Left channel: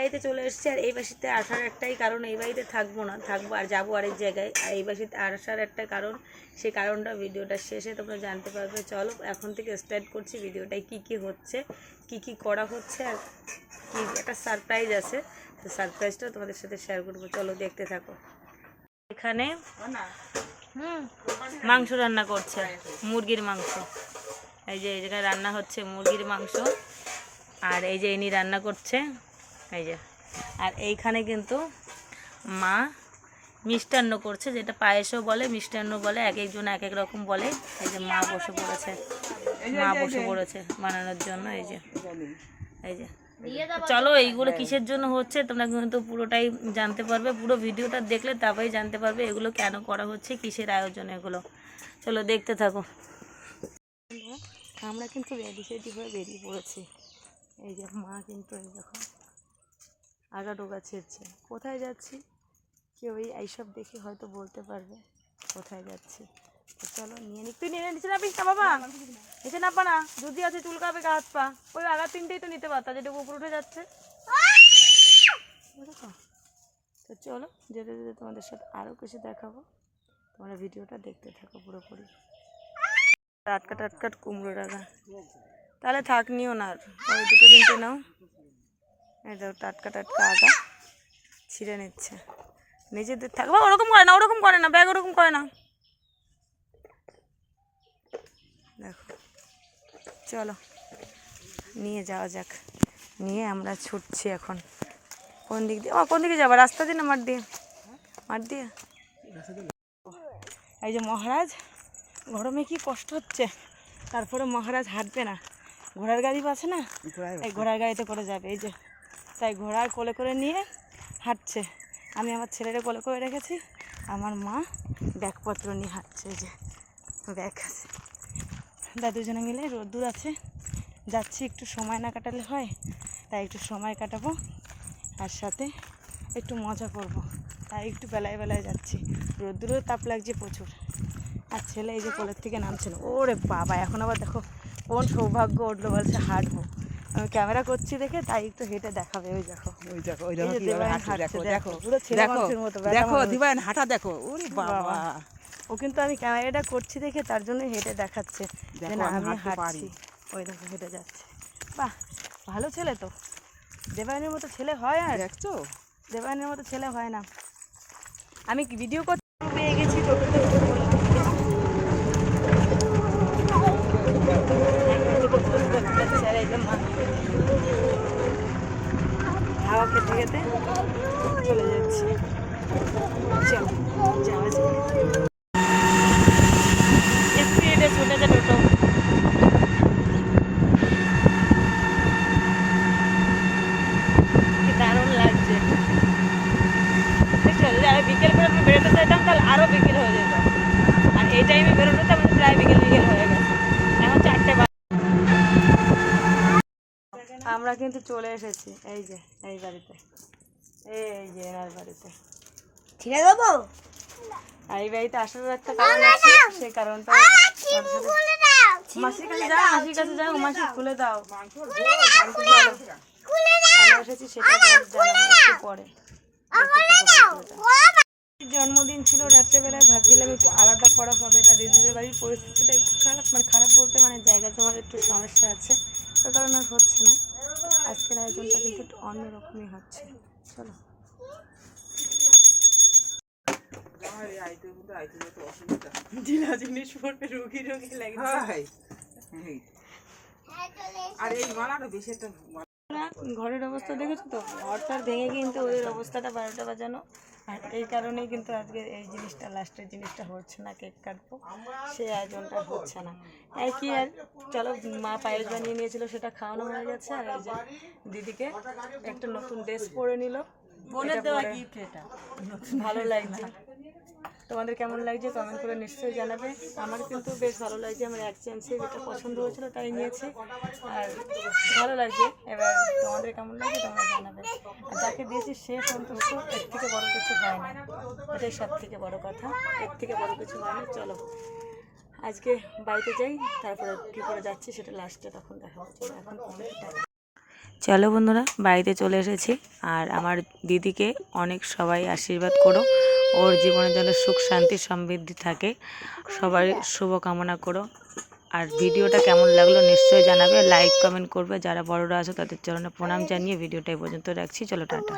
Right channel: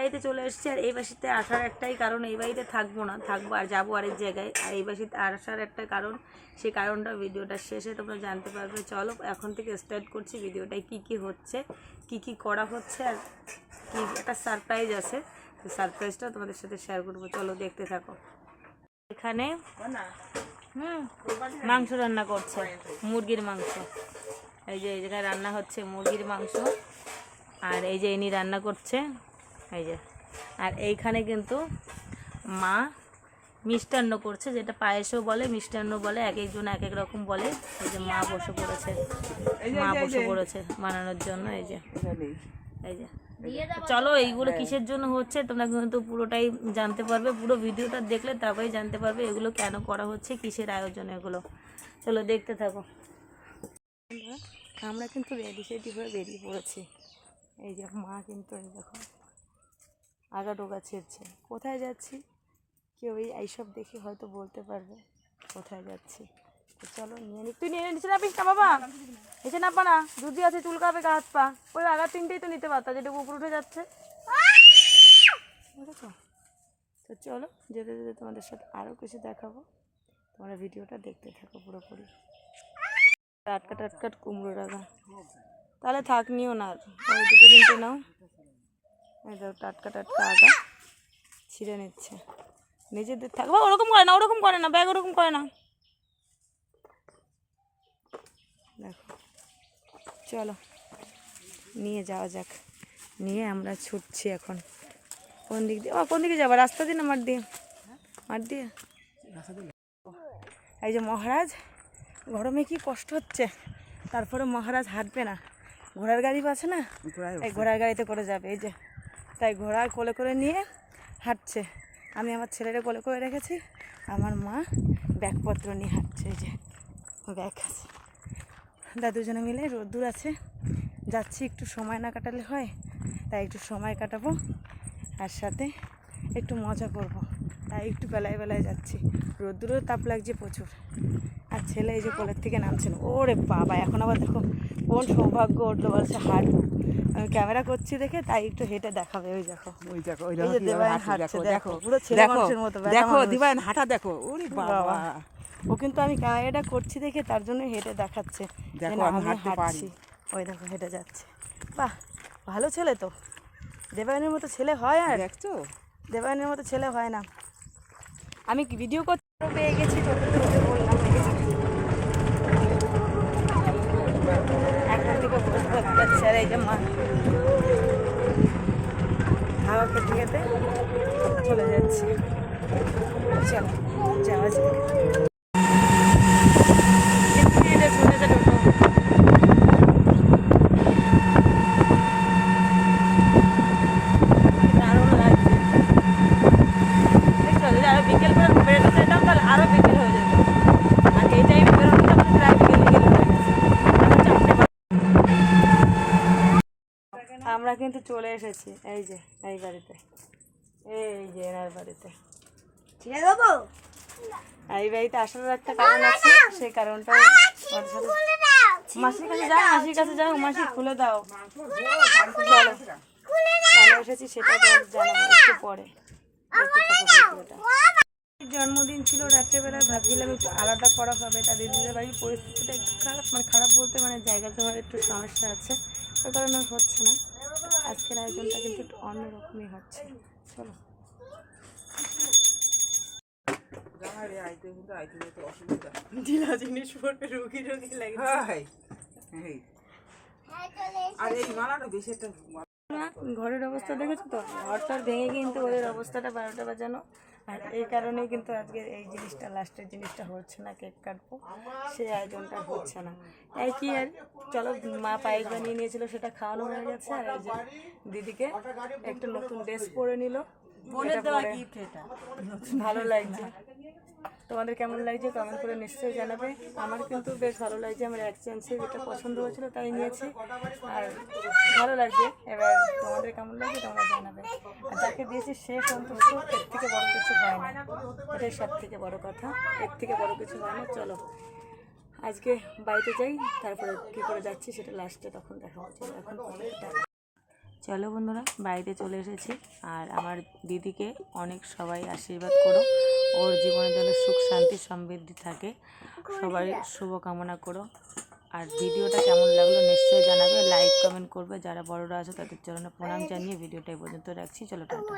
বাড়িতে চলে এসেছি। আর এই বাড়িতে আসার একটাই কারণ, এই বাড়িতে থাকবো না, থাকবো আর যাবো আরেক জায়গায়। আর এই বাড়িতে আসার একটা কারণ, সেই কারণটা ভিডিওটা শেষে তোমরা জানতে পারবে। চলো এখন থেকে স্টার্ট করছি ভিডিওটায়, কি কি হচ্ছে, কি কি করা হচ্ছে, আর কি একটা সারপ্রাইজ আছে। তো সারপ্রাইজটা তোমাদের সাথে শেয়ার করবো, চলো দেখতে থাকো। এখানে মাংস রান্না করছে, মুরগির মাংস। এই যে এই জায়গায় রান্না হচ্ছে মুরগির মাংস, আর এই যে ইনি রান্না করছে, এই যে। আর এইখানে কিন্তু মা মিষ্টান্ন করছে, যেটা পায়েসও বলে, মিষ্টান্ন বলে, এক একজন এক এক রকম বলে। এই যে মা বসে পড়েছে, বানানোর জন্য। এই যে এই যে চলো, এইগুলো কিসের জন্য হচ্ছে তোমরা কিন্তু পুরোটাই জানতে পারবে। পুরো ভিডিওটা দেখলে তবেই জানতে পারবে এগুলো কেন করা হচ্ছে, কিসের আয়োজন এগুলো। চলো দেখতে থাকো। আমরা কিন্তু রেডি হয়ে বেরিয়ে পড়েছি। এই যে মা কিন্তু এই দেখো আগা ডোগা ছেড়ছে। কোথায় যাচ্ছি কেউ এইসব দেখে হয়তো বলতে পারবে কোথায় যাচ্ছি। তো চলো নিয়ে নি। তুই নিয়ে নিচে নাপিস না বাবা, নিচে নাপা না, দুধি আছে চুলকাবে গা হাত পা। ওই আগা তিনটেই তো নিতে পারতা, যেটা উপর উঠে যাচ্ছে। তো চলো যেতে যেতে তোমাদের সাথে আরও কিছু দেখাবো, তোমরা ভিডিওটা দেখতে থাকো পুরোপুরি। টাটকা টাটকা কুমড়ো রাখা, তাহলে থাক নিও না, আর ওই দুটো তিনটে নাও। এই দেখো টাটকা টাটকা আগা ছিঁড়ে নিচ্ছে, নিজেদের থাকবে। ওরকম করে না ব্যাগ, ওরকম করে না। দেখো চলো নিয়ে যাওয়া যাক। নিয়ে আমরা ছুটছি এখন। কোন দিক দিয়ে, কোন দিকে যাবো? রাস্তা দিয়ে না মাঠ দিয়ে? মাঠ দিয়ে। এই যে মহারাজ, গরমে কি কষ্ট হচ্ছে, তারপরে মহারাজ হাঁটবে না, ঘোড়ার গাড়ি আছে না, এই ঘোড়ার গাড়িতে করে যাবে। এই যে তাই ঘোড়ার কোলে করে নিয়ে হাঁটছে। আমি আমার ছেলেরা কোলে করে রেখেছি, আমার মা ব্যাগপত্র নিয়ে হাঁটছে। এই যে ব্যাগ আছে, দুজনে মিলে রোদ্দুর আছে, যাচ্ছি। একটু সময় না কাটালে হয়, তাই একটু সময় কাটাবো, আর সাথে একটু মজা করব, তাই একটু বেলায় বেলায় যাচ্ছি। রোদ্দুরেও তাপ লাগছে প্রচুর। আর ছেলে এই যে কোলের থেকে নামছে না। ওরে বাবা, এখন আবার দেখো কোন সৌভাগ্য উঠলো, বলছে হাঁটবো। আমি ক্যামেরা করছি দেখে তাই একটু হেঁটে দেখাবে। ওই দেখো হাঁটা দেখো। ওরে বাবা, ও কিন্তু আমি ক্যামেরাটা করছি দেখে তার জন্য হেঁটে দেখাচ্ছে যে না আমি হাঁটছি। ওই দেখো হেঁটে যাচ্ছে। বাহ, ভালো ছেলে তো, দেবায়নের মতো ছেলে হয়? আর দেখছো, দেবায়নের মতো ছেলে হয় না। আমি ভিডিও করতে পেয়ে গেছি, হাওয়া খেতে খেতে চলে যাচ্ছি। চল যাওয়া যাক। স্পিডে চলে যায় টোটো। দারুণ লাগছে। আরো বিকেল করে বেরোতে চাইতাম, তাহলে আরো বিকেল হয়ে যেত। আর এই টাইমে বেরোনোতে আমাদের প্রায় বিকেল হয়ে গেছে। এখন 4টে বাজে। আমরা কিন্তু চলে এসেছি এই যে এই গাড়িতে, এই যে এনার বাড়িতে। ঠিক আছে বাবু, আর এই বাড়িতে আসার একটা কারণ আছে, সেই কারণটা মাসির কাছে যাও, মাসির কাছে যাও, মাসি খুলে দাও। চলো কেন এসেছি সেটা তোমাদের জানাবো একটু পরে। জন্মদিন ছিল রাত্রেবেলায়, ভাবছিলাম একটু আলাদা করা হবে। তার দিদিদের বাড়ির পরিস্থিতিটা একটু খারাপ, খারাপ বলতে জায়গা জমার একটু সমস্যা আছে, ওই কারণে হচ্ছে না। আজকের আয়োজনটা কিন্তু একটু অন্যরকমই হচ্ছে। চলো জিনিস পড়বে, রুগী লাগছে। ঘরের অবস্থা দেখেছো তো, ঘরটার ভেঙে কিন্তু ওদের অবস্থাটা 12টা বাজানো। আর এই কারণেই কিন্তু আজকে এই জিনিসটা, লাস্টের জিনিসটা হচ্ছে না, কেক কাটবো, সেই আয়োজনটা হচ্ছে না। এই কি আর চলো, মা পায়েস বানিয়ে নিয়েছিল, সেটা খাওয়ানো হয়ে গেছে। আর এই যে দিদিকে একটা নতুন ড্রেস পরে নিল, ভালো লাগছে। তোমাদের কেমন লাগছে কমেন্ট করে নিশ্চয়ই জানাবে। আমার কিন্তু বেশ ভালো লাগছে, আমার এক্সচেঞ্জে যেটা পছন্দ হয়েছিল তাই নিয়েছি, আর ভালো লাগছে। এবার তোমাদের কেমন লাগছে তোমরা জানাবে। আর যাকে দিয়েছি সে সন্তুষ্ট, এর থেকে বড় কিছু হয় না, এটাই সব থেকে বড় কথা, এর থেকে বড় কিছু হয় না। চলো আজকে বাড়িতে যাই, তারপরে কী করে যাচ্ছি সেটা লাস্টে তখন দেখাবো। চলো এখন চলো বন্ধুরা, বাড়িতে চলে এসেছি। আর আমার দিদিকে অনেক সবাই আশীর্বাদ করো, ওর জীবনের জন্য সুখ শান্তি সমৃদ্ধি থাকে, সবাই শুভকামনা করো। আর ভিডিওটা কেমন লাগলো নিশ্চয়ই জানাবে, লাইক কমেন্ট করবে। যারা বড়রা আছে তাদের চরণে প্রণাম জানিয়ে ভিডিওটা এই পর্যন্ত রাখছি। চলো টাটা।